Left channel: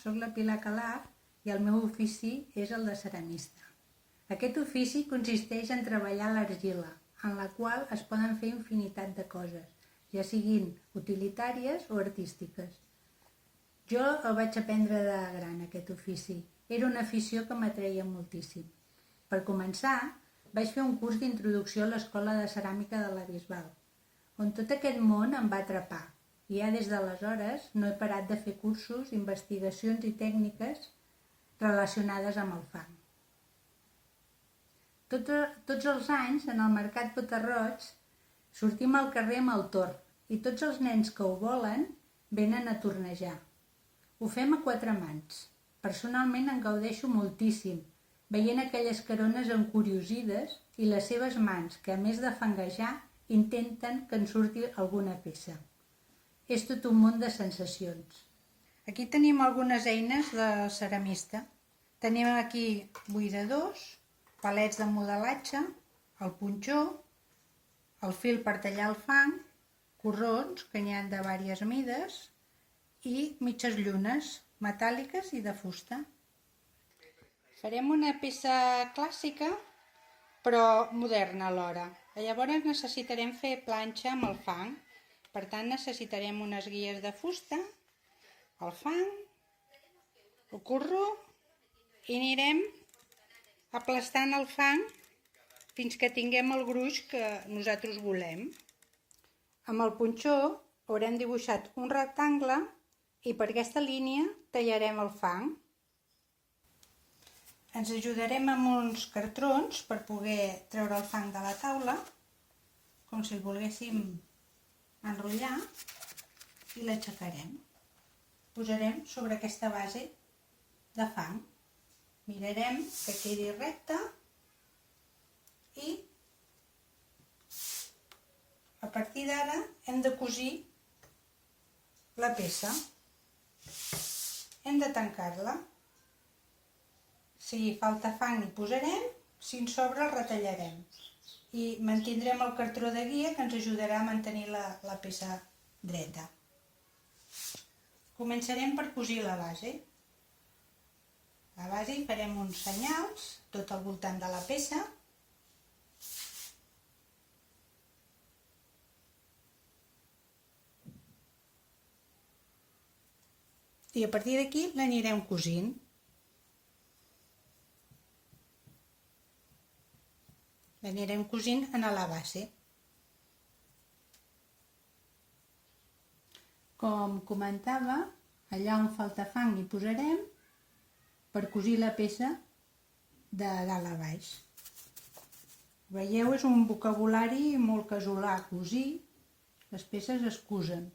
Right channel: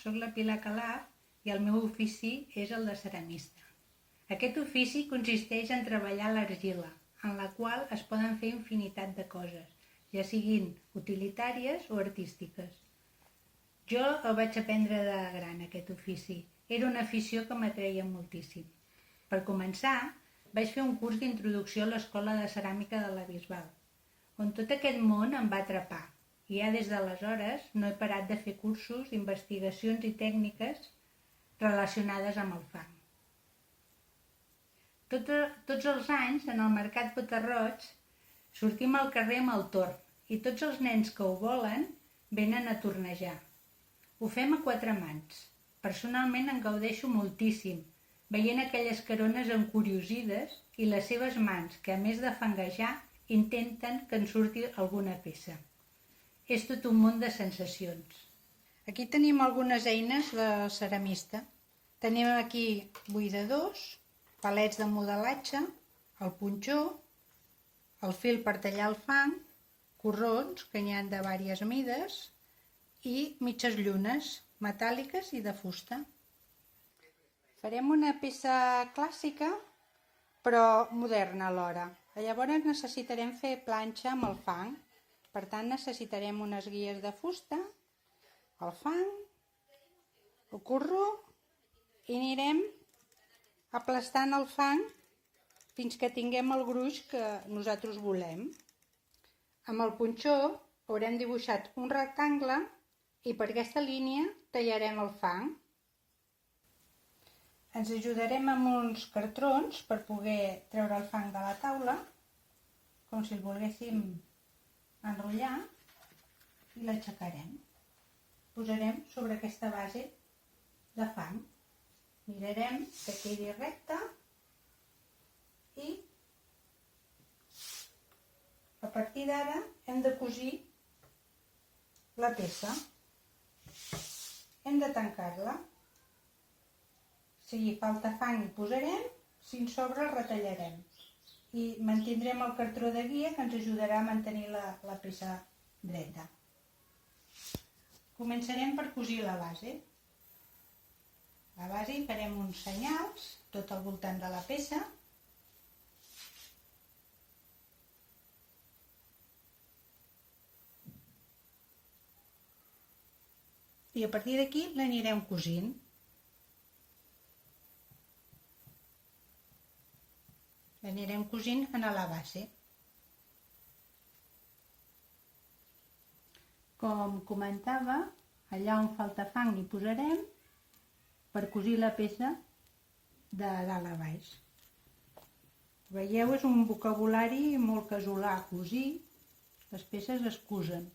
soc la Pilar Calar i el meu ofici és el de ceramista. Aquest ofici consisteix en treballar l'argila, en la qual es poden fer infinitat de coses, ja siguin utilitàries o artístiques. Jo el vaig aprendre de gran, aquest ofici. Era una afició que m'atreia moltíssim. Per començar, vaig fer un curs d'introducció a l'Escola de Ceràmica de la Bisbal, on tot aquest món em va atrapar. I ja des d'aleshores no he parat de fer cursos, investigacions i tècniques relacionades amb el fang. Tots els anys, en el Mercat Potarroig, sortim al carrer amb el torn i tots els nens que ho volen venen a tornejar. Ho fem a 4 mans. Personalment en gaudeixo moltíssim, veient aquelles carones encuriosides i les seves mans, que a més de fanguejar, intenten que en surti alguna peça. És tot un món de sensacions. Aquí tenim algunes eines de ceramista. Tenim aquí buidadors, palets de modelatge, el punxó, el fil per tallar el fang, corrons, que n'hi ha de diverses mides, i mitges llunes, metàl·liques i de fusta. Farem una peça clàssica, però moderna alhora. Llavors necessitarem fer planxa amb el fang. Per tant, necessitarem unes guies de fusta, el fang, el corró, i anirem aplastant el fang fins que tinguem el gruix que nosaltres volem. Amb el punxó haurem dibuixat un rectangle i per aquesta línia tallarem el fang. Ens ajudarem amb uns cartrons per poder treure el fang de la taula, com si el volguéssim enrotllar, i l'aixecarem. Posarem sobre aquesta base de fang. Mirarem que quedi recta i a partir d'ara hem de cosir la peça. Hem de tancar-la. Si falta fang hi posarem, si en sobra el retallarem. I mantindrem el cartró de guia que ens ajudarà a mantenir la peça dreta. Començarem per cosir la base. La base hi farem uns senyals tot al voltant de la peça. I a partir d'aquí l'anirem cosint. L'anirem cosint a la base. Com comentava, allà on falta fang hi posarem per cosir la peça de dalt a baix. Veieu, és un vocabulari molt casolà, cosir, les peces es cosen.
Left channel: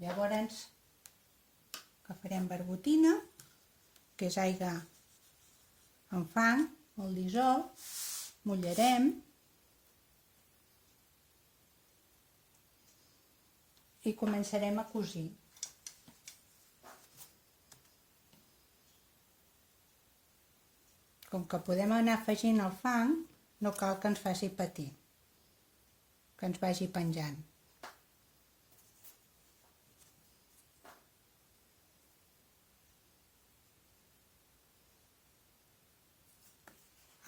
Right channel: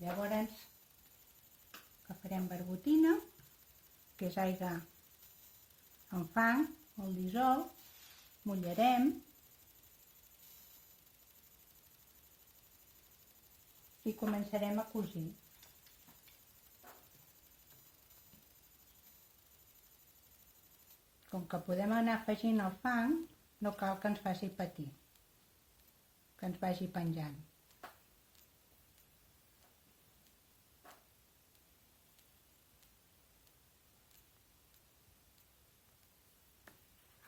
Llavors agafarem barbotina, que és aigua amb fang, molt dissolt, mullarem i començarem a cosir. Com que podem anar afegint el fang, no cal que ens faci patir, que ens vagi penjant.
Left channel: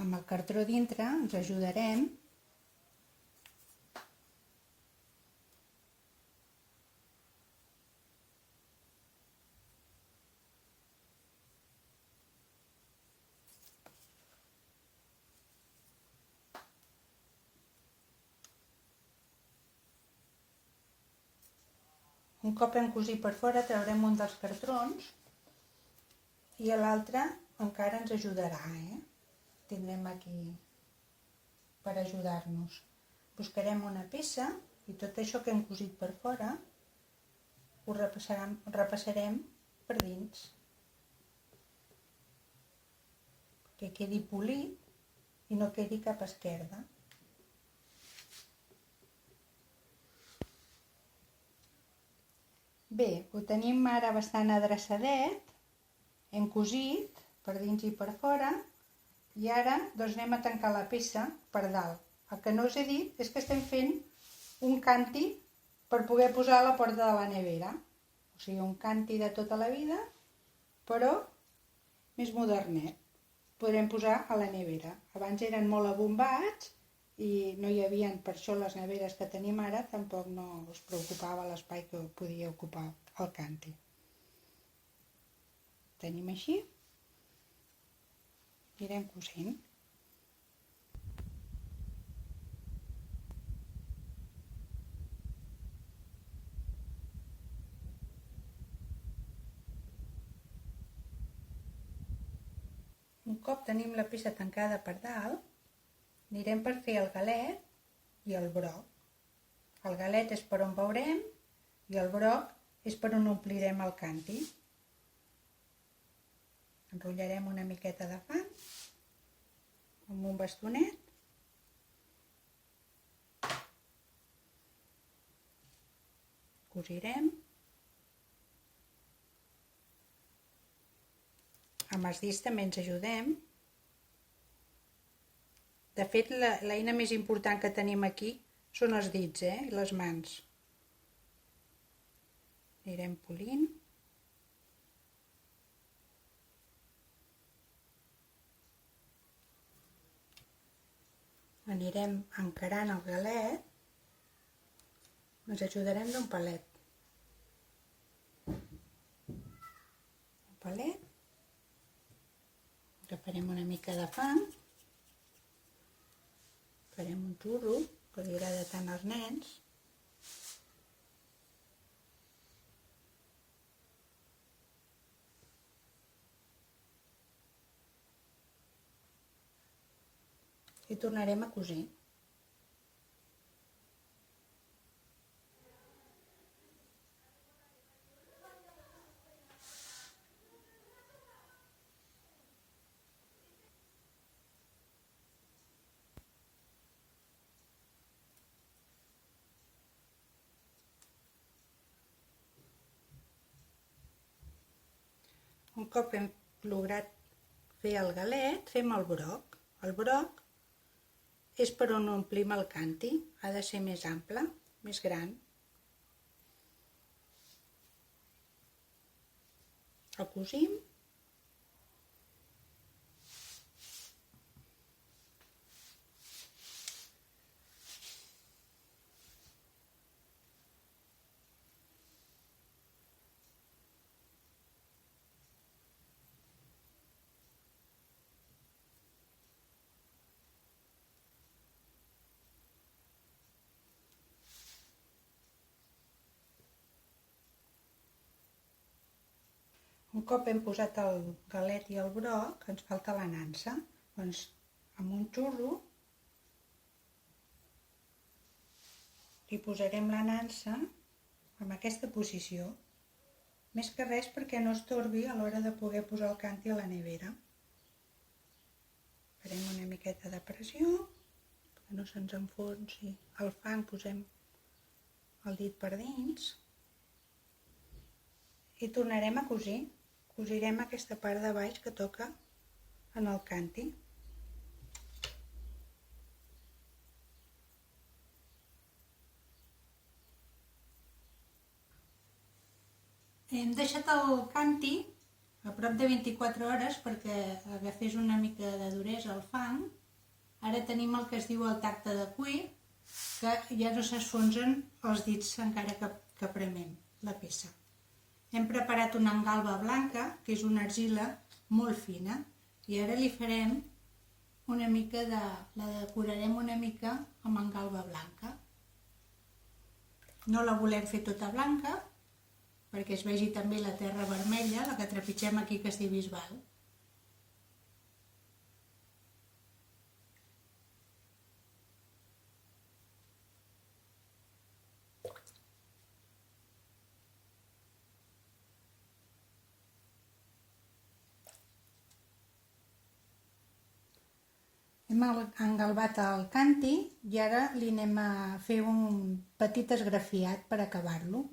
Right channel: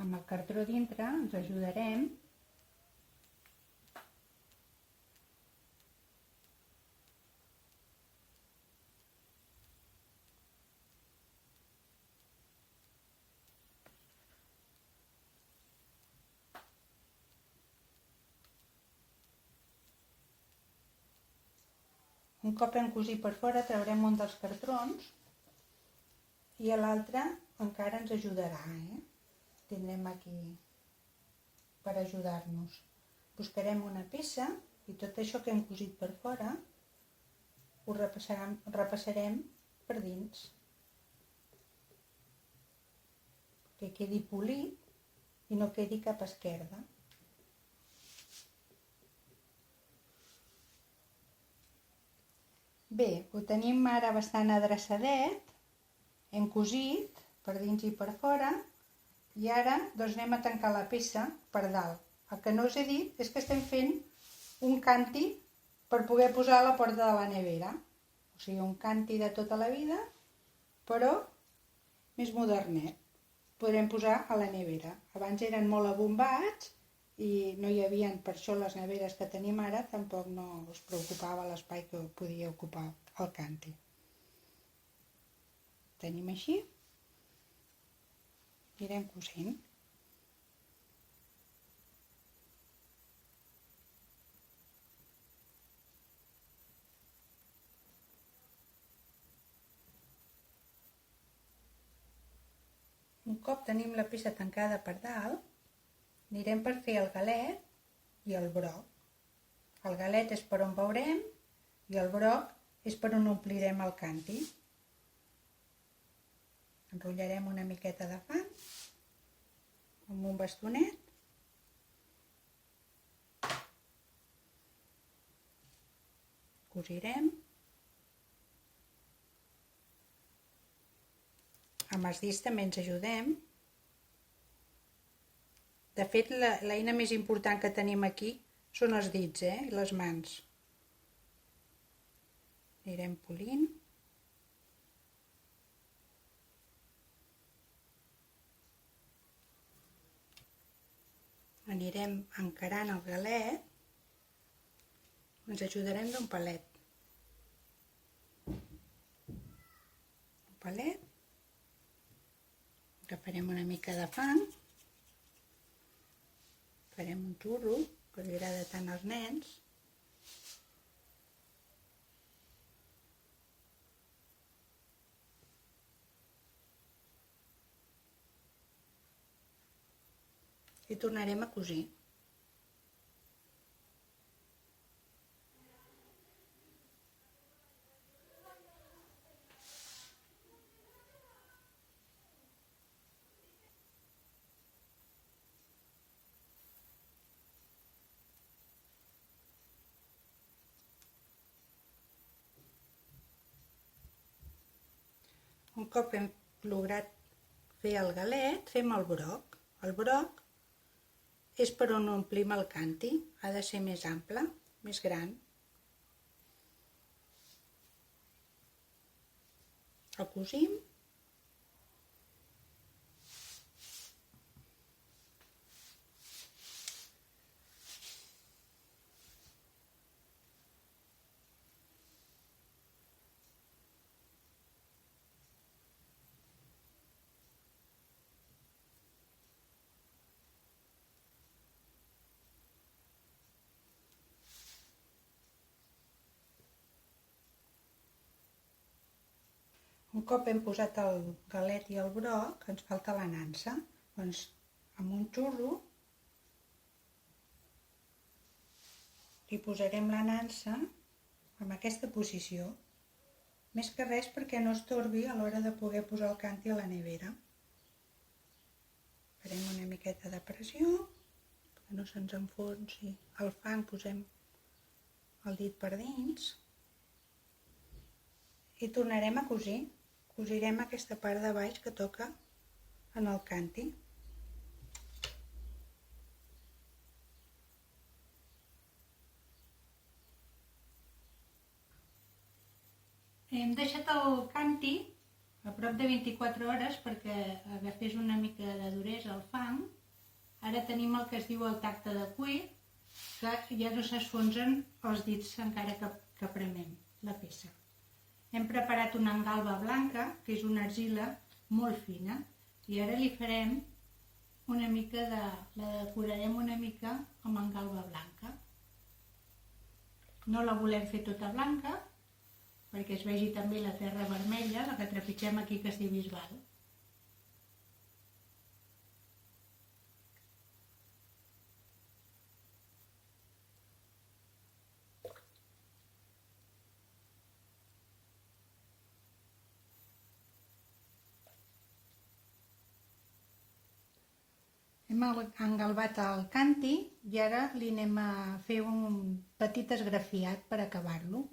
Amb el cartró dintre ens ajudarem un cop hem cosit per fora traurem un dels cartrons i l'altre encara ens ajudarà, tindrem aquí per ajudar-nos. Buscarem una peça i tot això que hem cosit per fora ho repassarem per dins. Que quedi polit i no quedi cap esquerda. Bé, ho tenim ara bastant adreçadet, hem cosit per dins i per fora i ara doncs anem a tancar la peça per dalt. El que no us he dit és que estem fent un càntir per poder posar a la porta de la nevera O sigui, un canti de tota la vida, però més modernet. Podrem posar a la nevera. Abans eren molt abombats i no hi havia, per això les neveres que tenim ara tampoc no es preocupava l'espai que podia ocupar el canti. Tenim així, anirem cosint. Un cop tenim la peça tancada per dalt, anirem per fer el galet i el broc. El galet és per on veurem i el broc és per on omplirem el canti. Enrotllarem una miqueta de fang amb un bastonet. Cosirem. Amb els dits també ens ajudem. De fet, l'eina més important que tenim aquí són els dits, i les mans. Anirem polint. Anirem encarant el galet. Ens ajudarem d'un palet. Agafarem una mica de fang, farem un xurro, que li agrada tant als nens. I tornarem a cosir. Un cop hem lograt fer el galet, fem el broc. El broc és per on omplim el canti. Ha de ser més ample, més gran. El cosim. Un cop hem posat el galet i el broc, ens falta la nansa. Doncs amb un xurro li posarem la nansa en aquesta posició. Més que res perquè no estorbi a l'hora de poder posar el canti a la nevera. Farem una miqueta de pressió, que no se'ns enfonsi el fang, posem el dit per dins i tornarem a cosir. Cosirem aquesta part de baix que toca en el canti. Hem deixat el canti a prop de 24 hores perquè agafés una mica de duresa al fang. Ara tenim el que es diu el tacte de cuir, que ja no s'esfonsen els dits encara que premem la peça. Hem preparat una engalba blanca, que és una argila molt fina, i ara li farem una mica la decorarem una mica amb engalba blanca. No la volem fer tota blanca, perquè es vegi també la terra vermella, la que trepitgem aquí, que es diu bisbal. Hem engalbat el canti i ara li anem a fer un petit esgrafiat per acabar-lo.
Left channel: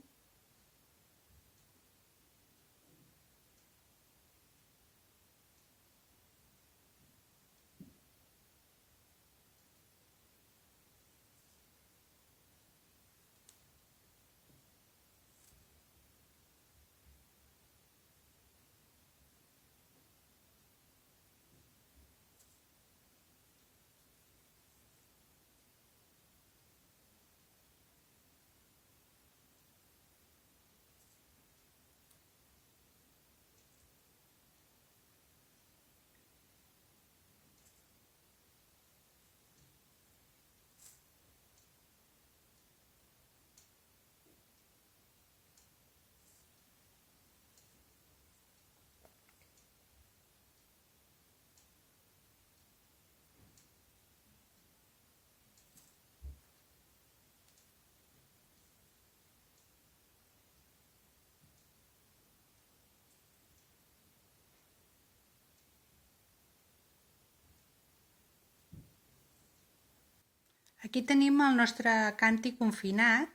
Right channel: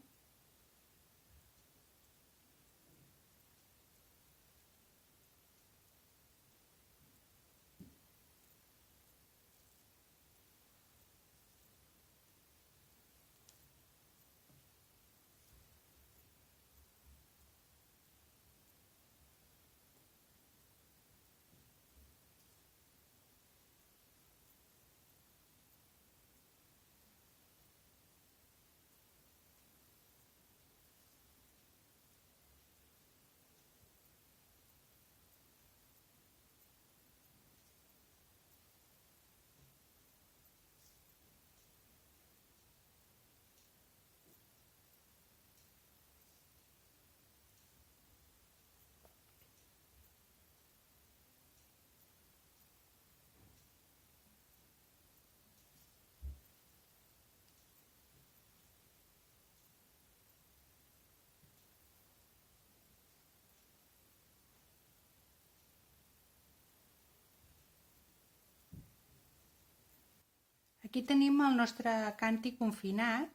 Aquí tenim el nostre canti confinat,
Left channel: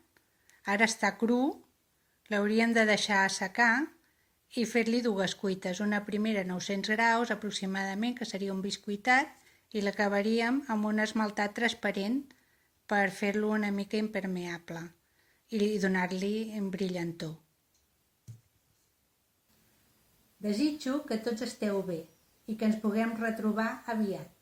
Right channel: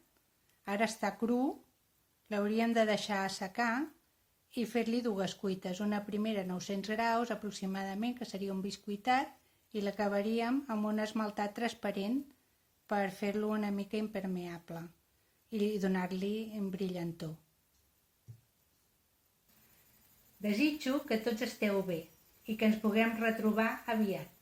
ara està cru, l'hauríem de deixar assecar i fer-li dues cuites, una primera a 900 graus aproximadament, que seria un biscuitat, i l'acabaríem amb un esmaltat transparent per fer-lo una mica impermeable i donar-li un brillantor. Desitjo que tots esteu bé i que ens puguem retrobar aviat.